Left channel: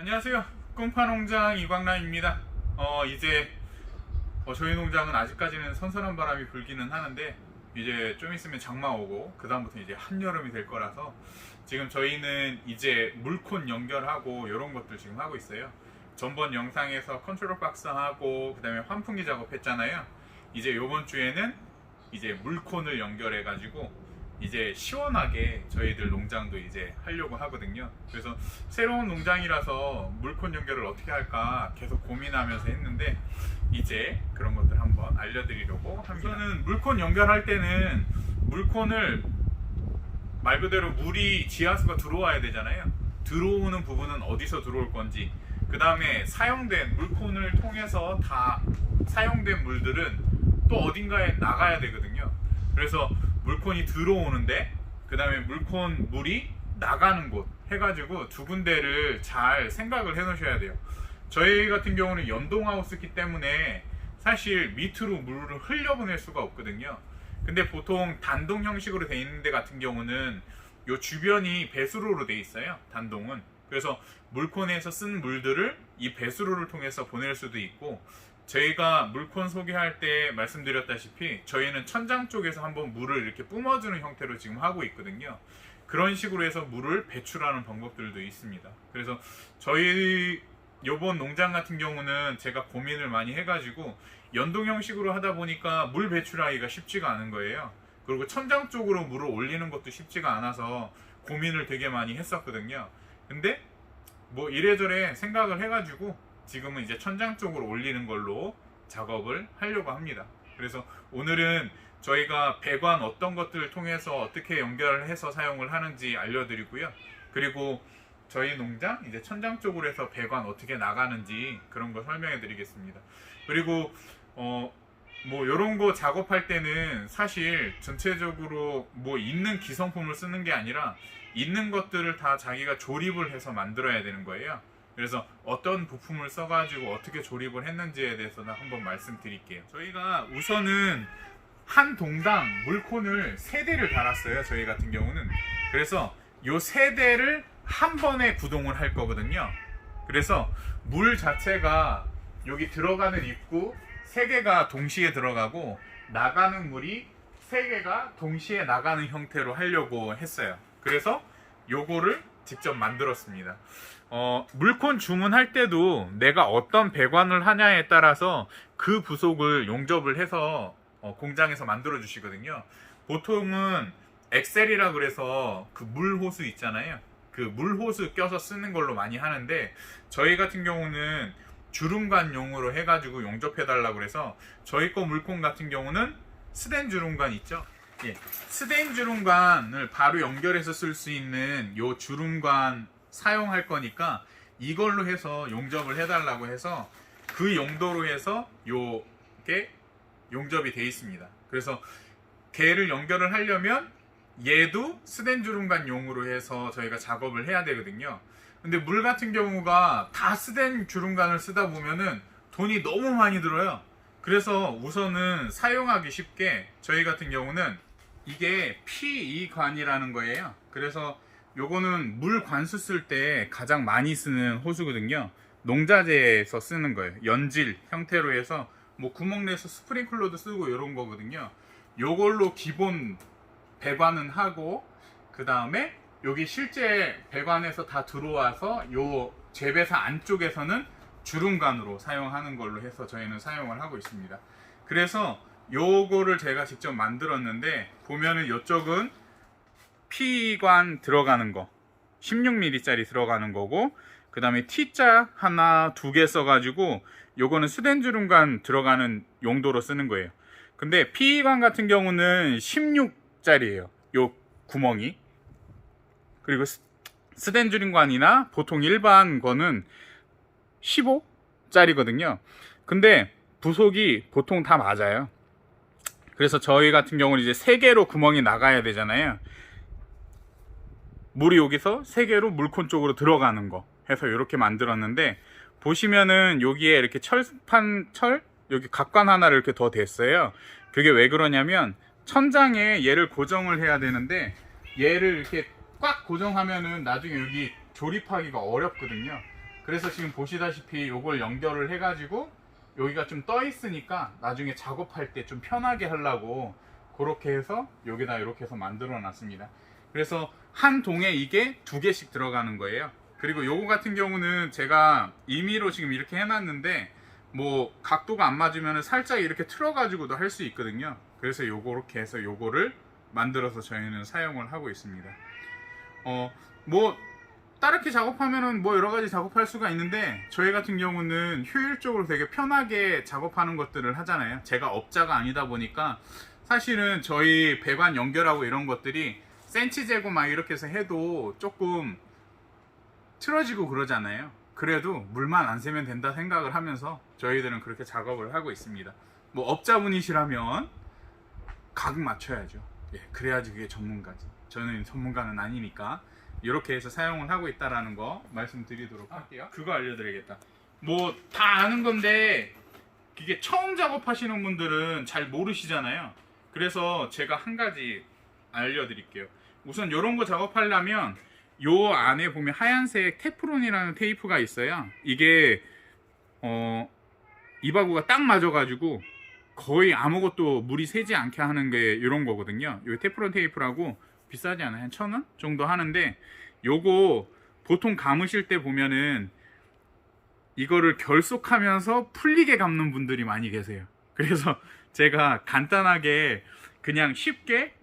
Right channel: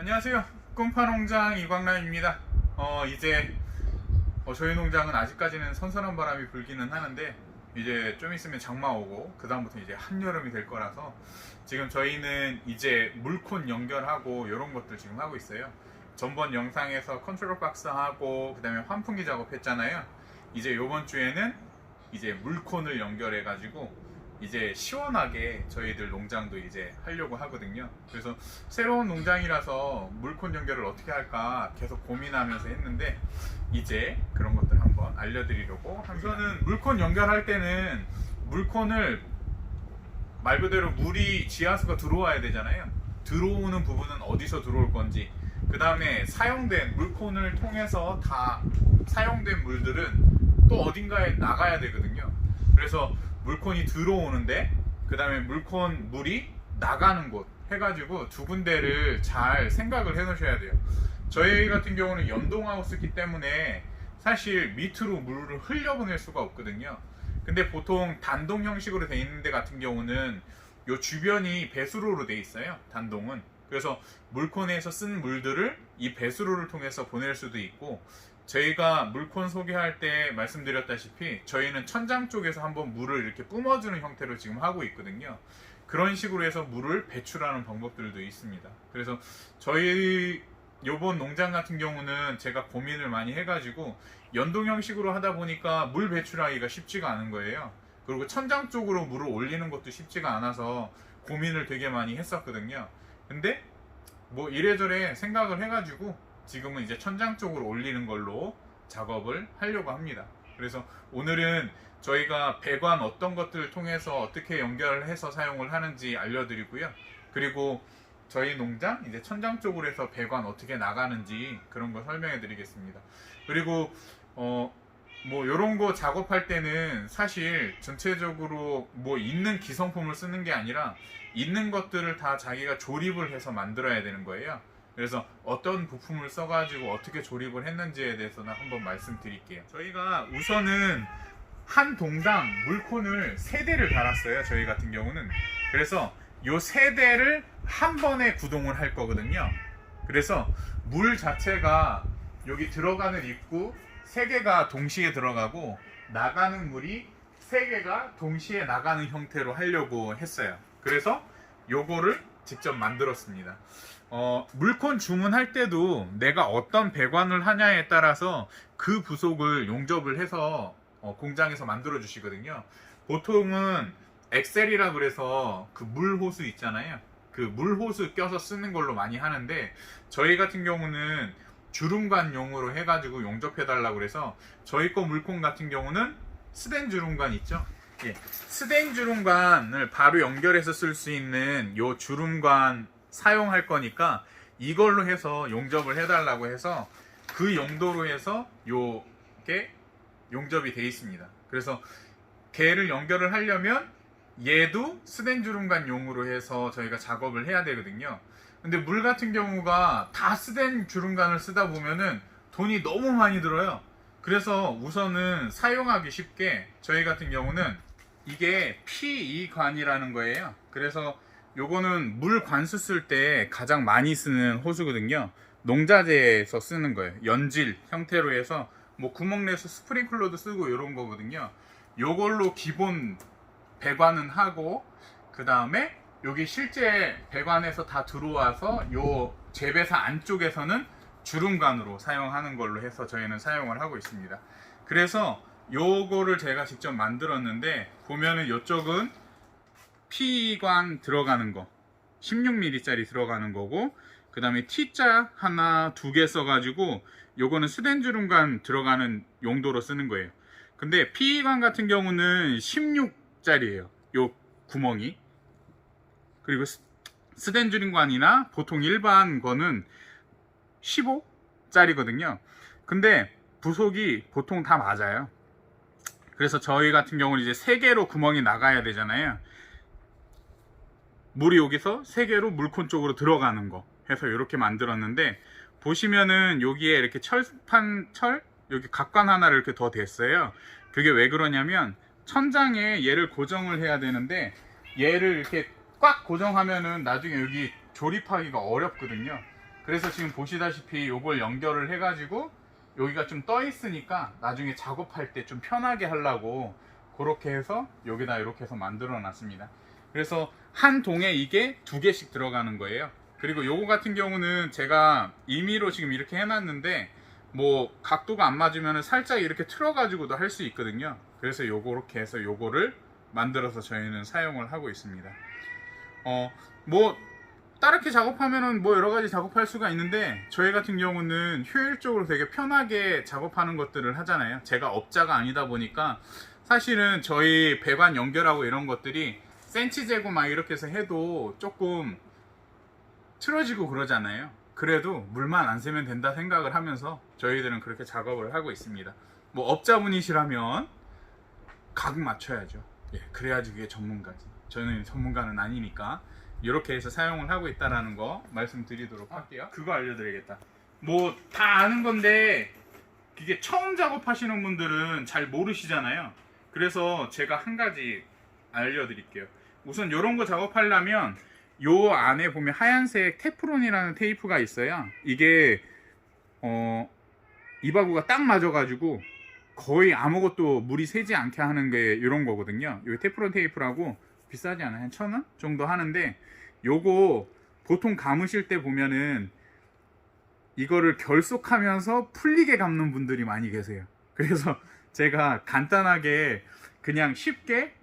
안녕하세요. 꿈파농장 이광남입니다. 이제 저희 농장은 아직까지는 선선한 바람이 불기는 하는데 이제 좀 있으면 장마 오고 그 다음부터 이제 한여름이 될 거라서 지금 저희는 이제 물콘 연결하고 이런 것들 지금 하고 있어요. 전번 영상에서 컨트롤 박스 하고 그 다음에 환풍기 작업했잖아요. 이제 요번 주에는 이제 물콘을 연결해 가지고 이제 시원하게 저희들 농장도 이제 하려고 하거든요. 그래서 새로운 농장이라서 물콘 연결을 어떻게 할까 계속 고민하면서 했는데 이제 그런 것들 한번 알려드리려고 합니다. 우선은 물콘 연결할 때는 물콘을 말 그대로 물이 지하수가 들어와야 되잖아요. 들어오는 부분은 어디서 들어올 건지, 그 다음에 사용된 물콘을 통해서 다 사용된 물들은 또 어딘가에 나가야 되거든요. 그래서 물콘이 들어오는데 그 다음에 물콘 물이 나가는 곳 해가지고 두 군데를 잘 생각을 해 놓으셔야 돼요. 저희 같은 경우는 연동하우스기 때문에 사실 밑으로 물을 흘려보낼 수가 없거든요. 근데 보통 단동 형식으로 돼 있는 데 같은 경우는 요 주변이 배수로로 돼 있어요. 단동은. 그래서 물콘에서 쓴 물들을 이 배수로를 통해서 보낼 수도 있고, 저희가 물콘 소개할 때 말씀드렸다시피 저희는 천장 쪽에서 한번 물을 이렇게 뿜어주는 형태로 지금 하고 있거든요. 그런 식으로 해서 물을 배출하는 방법들도 있습니다. 그래서 저희 요번 농장 같은 경우는 제가 고민을 많이 해가지고 연동 형식으로 하다 보니까 물 배출하기가 쉽지가 않은 거예요. 그리고 천장 쪽으로 물을 올리는 것도 쉽지가 않아서 고민을 되게 많이 했었거든요. 근데 뭐 이래저래 생각을 해가지고 지금은 이제 천장 쪽으로 올리는 걸로 작업을 하려고 합니다. 그래서 오늘은 저희가 배관 어떤 것들을 통해서 어떻게 연결을 해서 사용을 하는지 알려드리고요. 그리고 저희 농장 이제 천장 쪽으로 해서 배관 어떻게 나가는지 그런 거 설명해 드리겠습니다. 그리고 뭐 이런 거 작업할 때는 사실 전체적으로 뭐 있는 기성품을 쓰는 게 아니라 있는 것들을 다 자기가 조립을 해서 만들어야 되는 거예요. 그래서 어떤 부품을 써가지고 어떻게 조립을 했는지에 대해서는 한번 말씀드릴게요. 저희가 우선은 한 동당 물콘을 3대를 달았어요. 저희 같은 경우는. 그래서 요 3대를 한 번에 구동을 할 거거든요. 그래서 물 자체가 여기 들어가는 입구 3개가 동시에 들어가고 나가는 물이 3개가 동시에 나가는 형태로 하려고 했어요. 그래서 요거를 직접 만들었습니다. 물콘 주문할 때도 내가 어떤 배관을 하냐에 따라서 그 부속을 용접을 해서 공장에서 만들어 주시거든요. 보통은 엑셀이라 그래서 그 물호스 있잖아요. 그 물호스 껴서 쓰는 걸로 많이 하는데 저희 같은 경우는 주름관용으로 해가지고 용접해 달라고 그래서 저희 거 물콘 같은 경우는 스댄 주름관 있죠. 예, 스댄 주름관을 바로 연결해서 쓸 수 있는 요 주름관 사용할 거니까 이걸로 해서 용접을 해달라고 해서 그 용도로 해서 요게 용접이 돼 있습니다. 그래서 걔를 연결을 하려면 얘도 스댄 주름관 용으로 해서 저희가 작업을 해야 되거든요. 근데 물 같은 경우가 다 스댄 주름관을 쓰다 보면은 돈이 너무 많이 들어요. 그래서 우선은 사용하기 쉽게 저희 같은 경우는 이게 P2관이라는 거예요. 그래서 요거는 물 관수 쓸 때 가장 많이 쓰는 호수거든요. 농자재에서 쓰는 거예요. 연질 형태로 해서 뭐 구멍 내서 스프링클러도 쓰고 이런 거거든요. 요걸로 기본 배관은 하고 그 다음에 여기 실제 배관에서 다 들어와서 요 재배사 안쪽에서는 주름관으로 사용하는 걸로 해서 저희는 사용을 하고 있습니다. 그래서 요거를 제가 직접 만들었는데 보면은 이쪽은 P관 들어가는 거 16mm 짜리 들어가는 거고, 그 다음에 T자 하나 2개 써가지고 요거는 스댄 주름관 들어가는 용도로 쓰는 거예요. 근데 P관 같은 경우는 16짜리예요. 요 구멍이. 그리고 스댄 주름관이나 보통 일반 거는 15짜리거든요. 근데 부속이 보통 다 맞아요. 그래서 저희 같은 경우는 이제 3개로 구멍이 나가야 되잖아요. 물이 여기서 3개로 물콘 쪽으로 들어가는 거 해서 이렇게 만들었는데, 보시면은 여기에 이렇게 철 여기 각관 하나를 이렇게 더 댔어요. 그게 왜 그러냐면 천장에 얘를 고정을 해야 되는데 얘를 이렇게 꽉 고정하면은 나중에 여기 조립하기가 어렵거든요. 그래서 지금 보시다시피 요걸 연결을 해가지고 여기가 좀 떠 있으니까 나중에 작업할 때 좀 편하게 하려고 그렇게 해서 여기다 이렇게 해서 만들어 놨습니다. 그래서 한 동에 이게 2개씩 들어가는 거예요. 그리고 요거 같은 경우는 제가 임의로 지금 이렇게 해놨는데 뭐 각도가 안 맞으면 살짝 이렇게 틀어 가지고도 할 수 있거든요. 그래서 요렇게 해서 요거를 만들어서 저희는 사용을 하고 있습니다. 뭐 다르게 작업하면은 뭐 여러 가지 작업할 수가 있는데 저희 같은 경우는 효율적으로 되게 편하게 작업하는 것들을 하잖아요. 제가 업자가 아니다 보니까 사실은 저희 배관 연결하고 이런 것들이 센치 재고 막 이렇게 해서 해도 조금 틀어지고 그러잖아요. 그래도 물만 안 새면 된다 생각을 하면서 저희들은 그렇게 작업을 하고 있습니다. 뭐 업자분이시라면 각 맞춰야죠. 예, 그래야지 그게 전문가지. 저는 전문가는 아니니까 이렇게 해서 사용을 하고 있다라는 거 말씀드리도록 할게요. 그거 알려드리겠다. 뭐 다 아는 건데 이게 처음 작업하시는 분들은 잘 모르시잖아요. 그래서 제가 한 가지 알려드릴게요. 우선 이런 거 작업하려면 요 안에 보면 하얀색 테프론이라는 테이프가 있어요. 이게 이바구가 딱 맞아가지고 거의 아무것도 물이 새지 않게 하는 게 이런 거거든요. 요 테프론 테이프라고 비싸지 않아요. 한 1,000원 정도 하는데 요거 보통 감으실 때 보면은 이거를 결속하면서 풀리게 감는 분들이 많이 계세요. 그래서 제가 간단하게 그냥 쉽게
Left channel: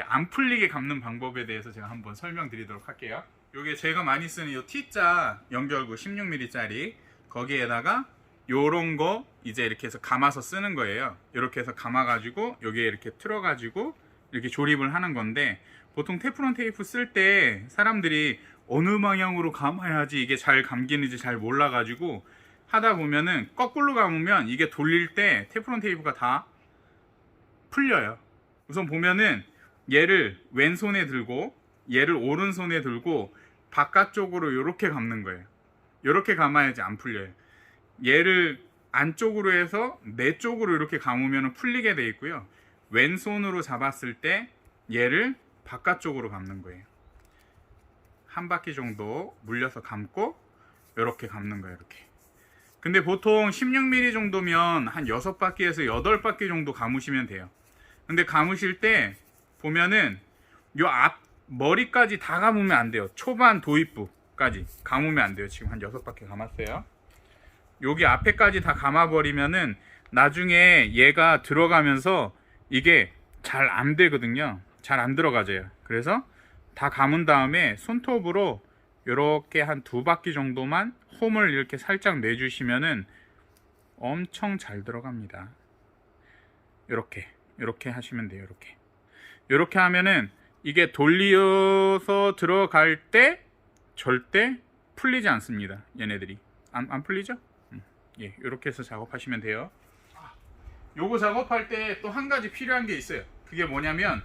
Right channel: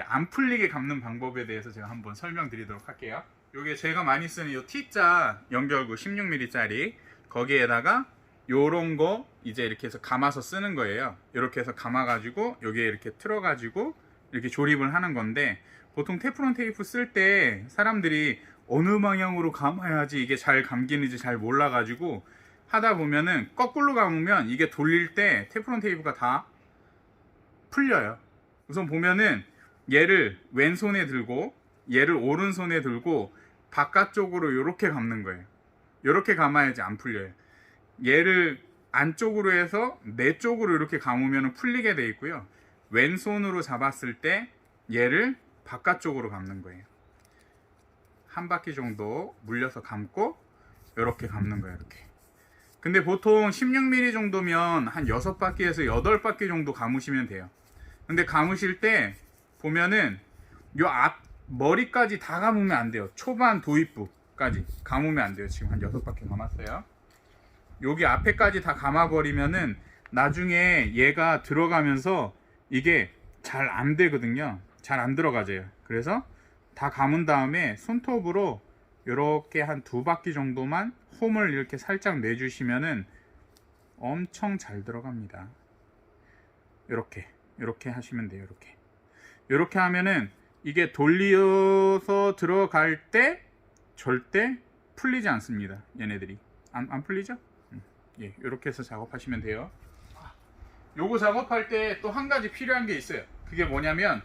안 풀리게 감는 방법에 대해서 제가 한번 설명드리도록 할게요. 요게 제가 많이 쓰는 요 T자 연결구 16mm 짜리 거기에다가 요런 거 이제 이렇게 해서 감아서 쓰는 거예요. 이렇게 해서 감아 가지고 여기에 이렇게 틀어 가지고 이렇게 조립을 하는 건데 보통 테프론 테이프 쓸 때 사람들이 어느 방향으로 감아야지 이게 잘 감기는지 잘 몰라 가지고 하다 보면은 거꾸로 감으면 이게 돌릴 때 테프론 테이프가 다 풀려요. 우선 보면은 얘를 왼손에 들고 얘를 오른손에 들고 바깥쪽으로 이렇게 감는 거예요. 이렇게 감아야지 안 풀려요. 얘를 안쪽으로 해서 내 쪽으로 이렇게 감으면 풀리게 돼 있고요. 왼손으로 잡았을 때 얘를 바깥쪽으로 감는 거예요. 한 바퀴 정도 물려서 감고 이렇게 감는 거예요. 이렇게. 근데 보통 16mm 정도면 한 6바퀴에서 8바퀴 정도 감으시면 돼요. 근데 감으실 때 보면은 요 앞 머리까지 다 감으면 안 돼요. 초반 도입부까지 감으면 안 돼요. 지금 한 6바퀴 감았어요. 여기 앞에까지 다 감아버리면은 나중에 얘가 들어가면서 이게 잘 안 되거든요. 잘 안 들어가져요. 그래서 다 감은 다음에 손톱으로 이렇게 한 2바퀴 정도만 홈을 이렇게 살짝 내주시면은 엄청 잘 들어갑니다. 이렇게 하시면 돼요. 이렇게 하면은 이게 돌려서 들어갈 때 절대 풀리지 않습니다. 얘네들이 안 풀리죠? 예, 이렇게 해서 작업하시면 돼요. 요거 작업할 때 또 한 가지 필요한 게 있어요. 그게 뭐냐면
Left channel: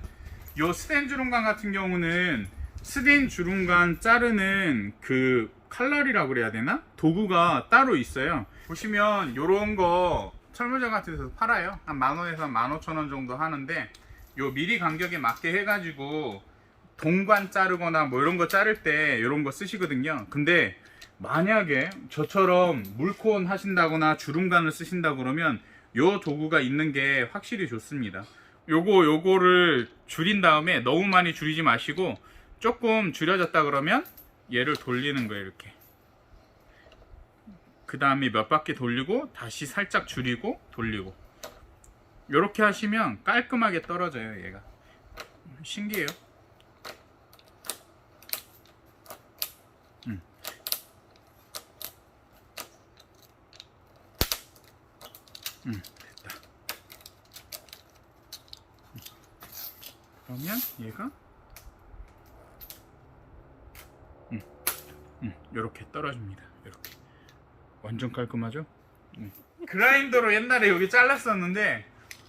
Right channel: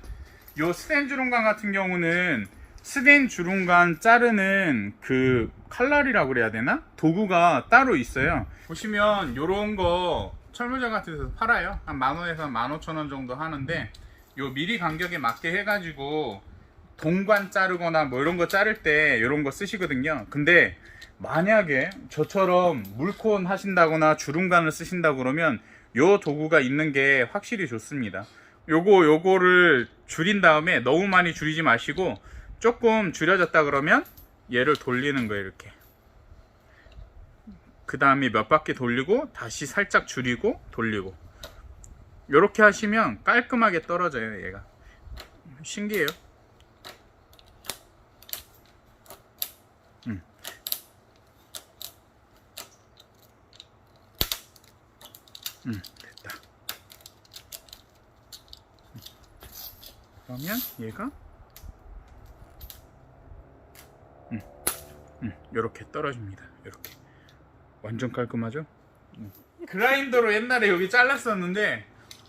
요 스텐 주름관 같은 경우는 스텐 주름관 자르는 그 칼날이라고 그래야 되나? 도구가 따로 있어요. 보시면 요런 거 철물점 같은 데서 팔아요. 한 10,000원에서 15,000원 정도 하는데 요 미리 간격에 맞게 해가지고 동관 자르거나 뭐 이런 거 자를 때 이런 거 쓰시거든요. 근데 만약에 저처럼 물콘 하신다거나 주름관을 쓰신다 그러면 요 도구가 있는 게 확실히 좋습니다. 요거를 줄인 다음에 너무 많이 줄이지 마시고 조금 줄여졌다 그러면 얘를 돌리는 거예요. 이렇게 그 다음에 몇 바퀴 돌리고 다시 살짝 줄이고 돌리고 이렇게 하시면 깔끔하게 떨어져요. 얘가 신기해요. 됐다. 그러면 얘가 이렇게 떨어집니다. 이렇게 완전 깔끔하죠? 그라인더로 옛날에 여기 잘랐었는데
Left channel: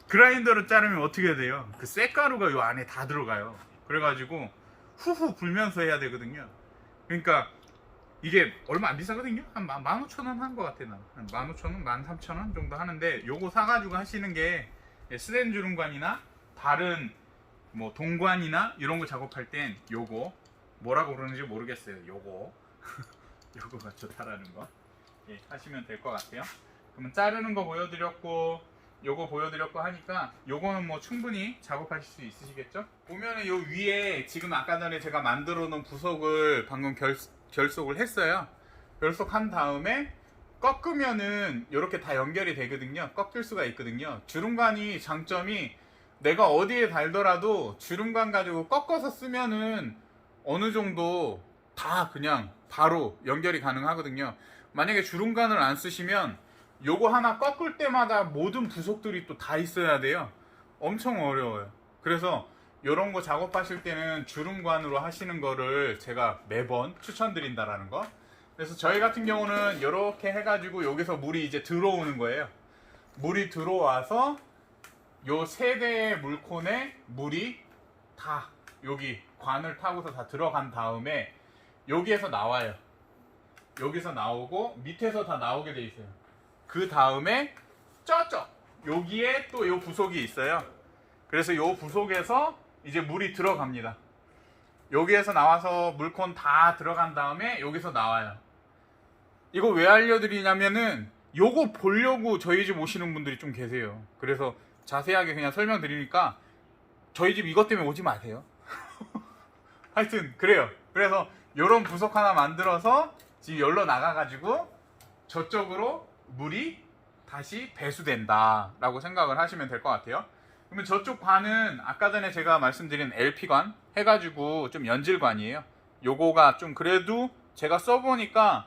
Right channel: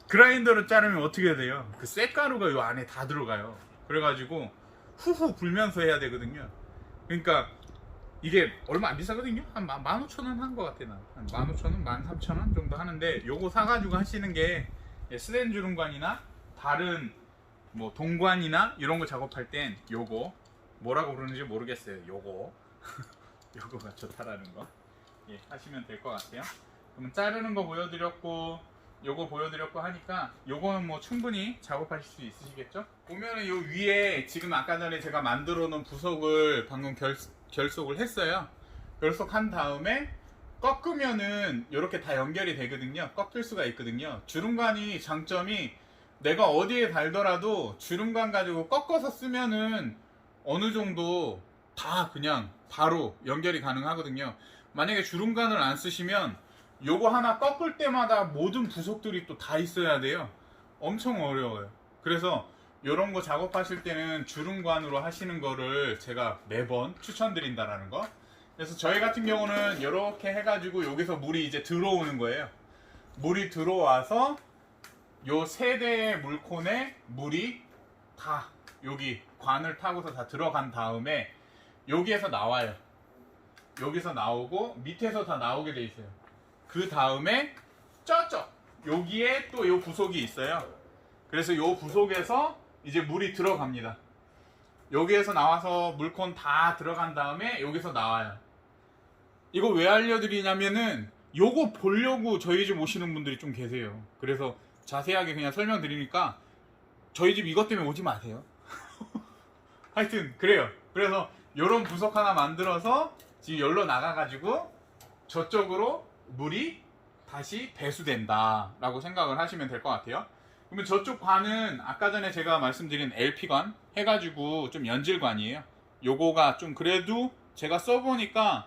그라인더로 자르면 어떻게 돼요? 그 쇳가루가 요 안에 다 들어가요. 그래가지고 후후 불면서 해야 되거든요. 그러니까 이게 얼마 안 비싸거든요. 한 15,000원 한 것 같아. 난 한 15,000원, 13,000원 정도 하는데 요거 사가지고 하시는 게 스텐 주름관이나 다른 뭐 동관이나 이런 거 작업할 땐 요거 뭐라고 그러는지 모르겠어요. 요거가 좋다라는 거. 예, 하시면 될 것 같아요. 그러면 자르는 거 보여드렸고 요거 보여드렸고 하니까 요거는 뭐 충분히 작업하실 수 있으시겠죠? 보면은 요 위에 지금 아까 전에 제가 만들어 놓은 부속을 방금 결속을 했어요. 결속한 다음에 꺾으면은 이렇게 다 연결이 되거든요. 꺾일 수가 있거든요. 주름관이 장점이 내가 어디에 달더라도 주름관 가지고 꺾어서 쓰면은 어느 정도 다 그냥 바로 연결이 가능하거든요. 만약에 주름관을 안 쓰시면 요거 하나 꺾을 때마다 모든 부속들이 또 다 있어야 돼요. 엄청 어려워요. 그래서 요런 거 작업하실 때는 주름관으로 하시는 거를 제가 매번 추천드린다라는 거. 그래서 저희 같은 경우는 이렇게 해가지고 여기서 물이 이제 들어오는 거예요. 물이 들어와서 요 세 대의 물콘에 물이 다 여기 관을 타고서 다 들어간 다음에 여기에서 나와요. 여기서 나오고 밑에서 다 나오게 돼 있어요. 그 다음에 저쪽 여기에 또 요 부속이 있어요. 그래서 요 부속에서 이제 물이 들어갑니다. 여기에서 나와서 물콘 다 들어간 다음에 여기서 나와요. 이거 왜 알려드리냐면은 요거 보려고 저희 집 오시는 분들이 좀 계세요. 그래서 자세하게 그냥 설명드리니까 저희 집 이것 때문에 오지 마세요. 하여튼 그래요. 그래서 요런 부속 하나 만들어서 지금 열로 나가가지고 저쪽으로 물이 다시 배수된다 라고 생각을 하시면 될 것 같아요. 그러면 저쪽 관은 아까 전에 제가 말씀드린 LP관 해가지고 좀 연질관이에요. 요거가 좀 그래도 제가 써보니까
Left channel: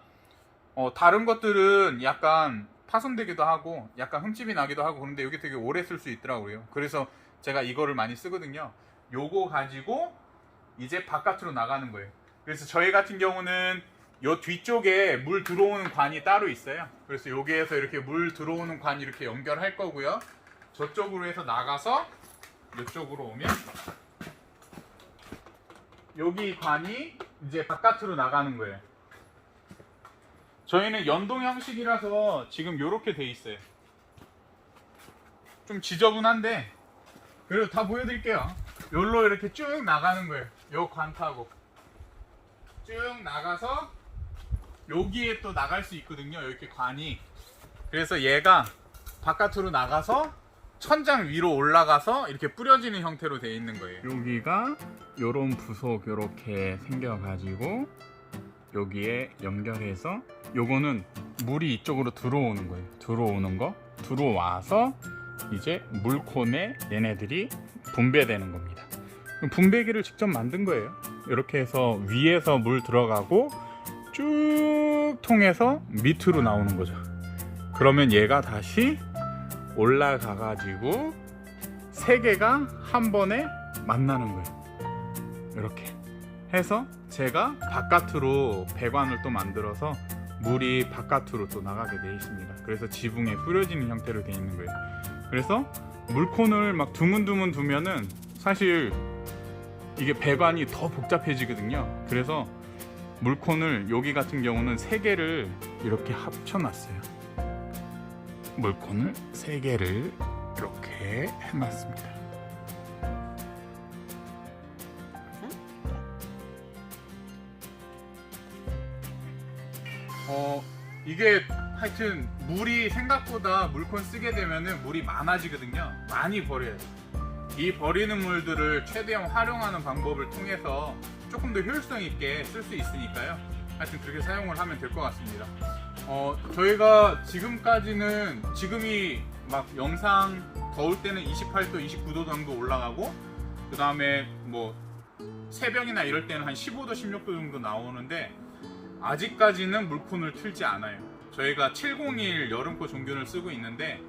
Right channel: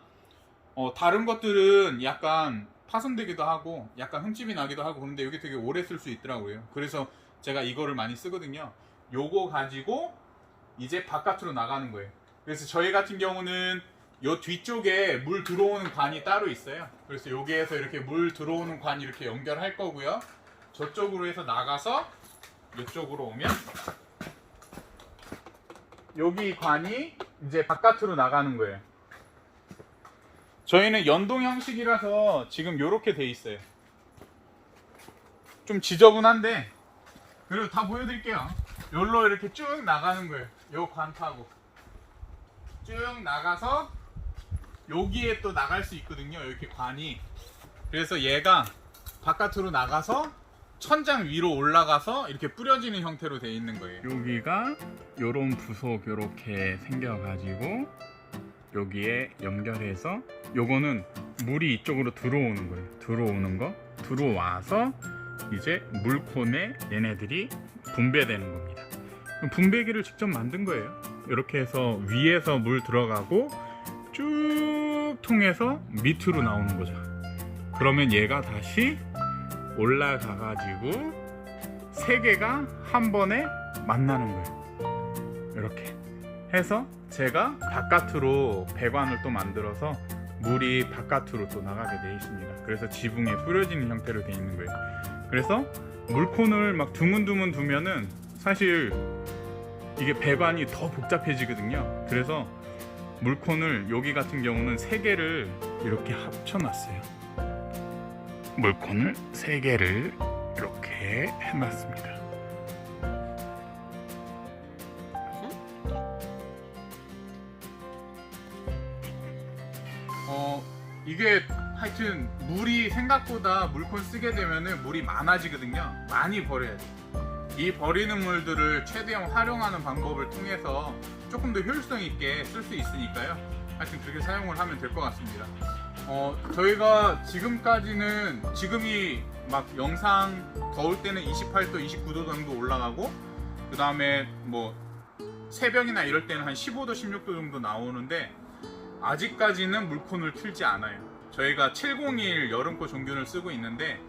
다른 것들은 약간 파손되기도 하고 약간 흠집이 나기도 하고 그런데 여기 되게 오래 쓸 수 있더라고요. 그래서 제가 이거를 많이 쓰거든요. 요거 가지고 이제 바깥으로 나가는 거예요. 그래서 저희 같은 경우는 요 뒤쪽에 물 들어오는 관이 따로 있어요. 그래서 여기에서 이렇게 물 들어오는 관 이렇게 연결할 거고요. 저쪽으로 해서 나가서 이쪽으로 오면 여기 관이 이제 바깥으로 나가는 거예요. 저희는 연동 형식이라서 지금 이렇게 돼 있어요. 좀 지저분한데 그래도 다 보여드릴게요. 여기로 이렇게 쭉 나가는 거예요. 요 관 타고 쭉 나가서 여기에 또 나갈 수 있거든요. 이렇게 관이. 그래서 얘가 바깥으로 나가서 천장 위로 올라가서 이렇게 뿌려지는 형태로 되어 있는 거예요. 여기가 요런 부속 이렇게 생겨가지고 여기에 연결해서 요거는 물이 이쪽으로 들어오는 거예요. 들어오는 거 들어와서 이제 물콘에 얘네들이 분배되는 겁니다. 분배기를 직접 만든 거예요. 이렇게 해서 위에서 물 들어가고 쭉 통해서 밑으로 나오는 거죠. 그러면 얘가 다시 올라가 가지고 세 개가 한 번에 만나는 거예요. 이렇게 해서 제가 바깥으로 배관을 또 만들어서 물이 바깥으로 또 나가게 되어 있습니다. 그래서 지붕에 뿌려지는 형태로 되어 있는 거예요. 그래서 물콘을 막 드문드문 두면은 사실 이게 배관이 더 복잡해지거든요. 그래서 물콘을 여기 같은 경우는 3개를 이렇게 합쳐놨어요. 물콘을 3개를 이렇게 해놨습니다. 이게 하여튼 물이 생각보다 물콘 쓰게 되면은 물이 많아지거든요. 많이 버려야 돼요. 이 버리는 물들을 최대한 활용하는 방법을 통해서 조금 더 효율성 있게 쓸 수 있으니까요. 하여튼 그렇게 사용을 하면 될 것 같습니다. 저희가 지금까지는 지금이 막 영상 더울 때는 28도, 29도 정도 올라가고 그 다음에 뭐 새벽이나 이럴 때는 한 15도, 16도 정도 나오는데 아직까지는 물콘을 틀지 않아요. 저희가 701 여름코 종균을 쓰고 있는데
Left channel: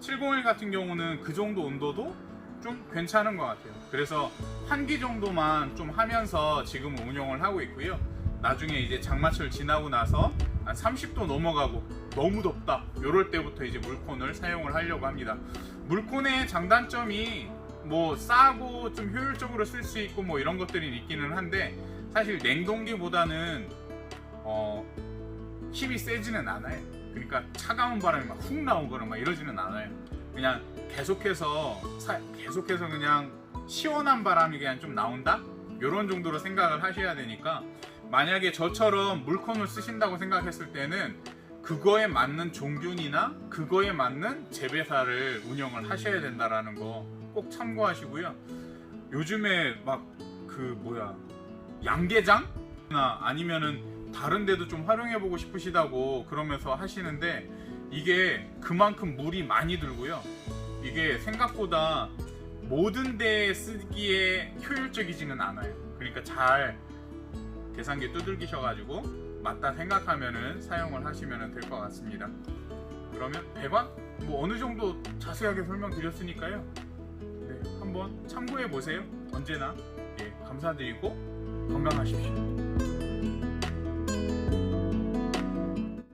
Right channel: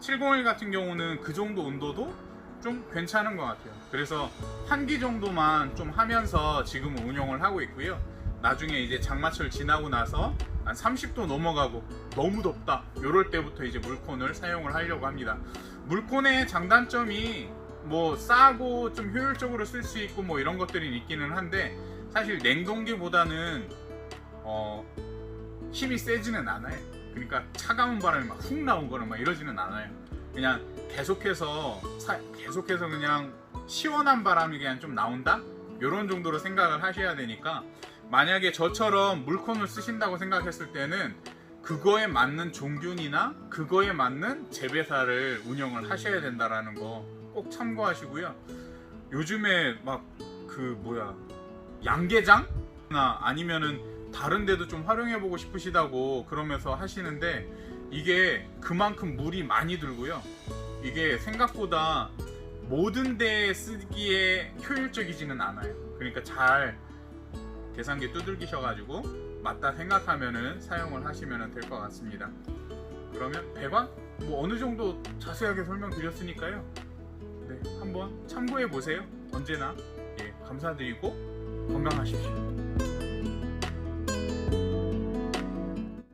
701 같은 경우는 그 정도 온도도 좀 괜찮은 것 같아요. 그래서 환기 정도만 좀 하면서 지금 운영을 하고 있고요. 나중에 이제 장마철 지나고 나서 한 30도 넘어가고 너무 덥다 이럴 때부터 이제 물콘을 사용을 하려고 합니다. 물콘의 장단점이 뭐 싸고 좀 효율적으로 쓸 수 있고 뭐 이런 것들이 있기는 한데 사실 냉동기보다는 힘이 세지는 않아요. 그러니까 차가운 바람이 막 훅 나오거나 막 이러지는 않아요. 그냥 계속해서 그냥 시원한 바람이 그냥 좀 나온다? 이런 정도로 생각을 하셔야 되니까 만약에 저처럼 물콘을 쓰신다고 생각했을 때는 그거에 맞는 종균이나 그거에 맞는 재배사를 운영을 하셔야 된다라는 거 꼭 참고하시고요. 요즘에 막 그 양계장나 아니면은 다른 데도 좀 활용해 보고 싶으시다고 그러면서 하시는데 이게 그만큼 물이 많이 들고요. 이게 생각보다 모든 데에 쓰기에 효율적이지는 않아요. 그러니까 잘 계산기 두들기셔가지고 맞다 생각하면은 사용을 하시면 될 것 같습니다. 그러면 배관 뭐 어느 정도 자세하게 설명드렸으니까요. 네, 한번 참고해 보세요. 언제나 감사드리고 건강하십시오.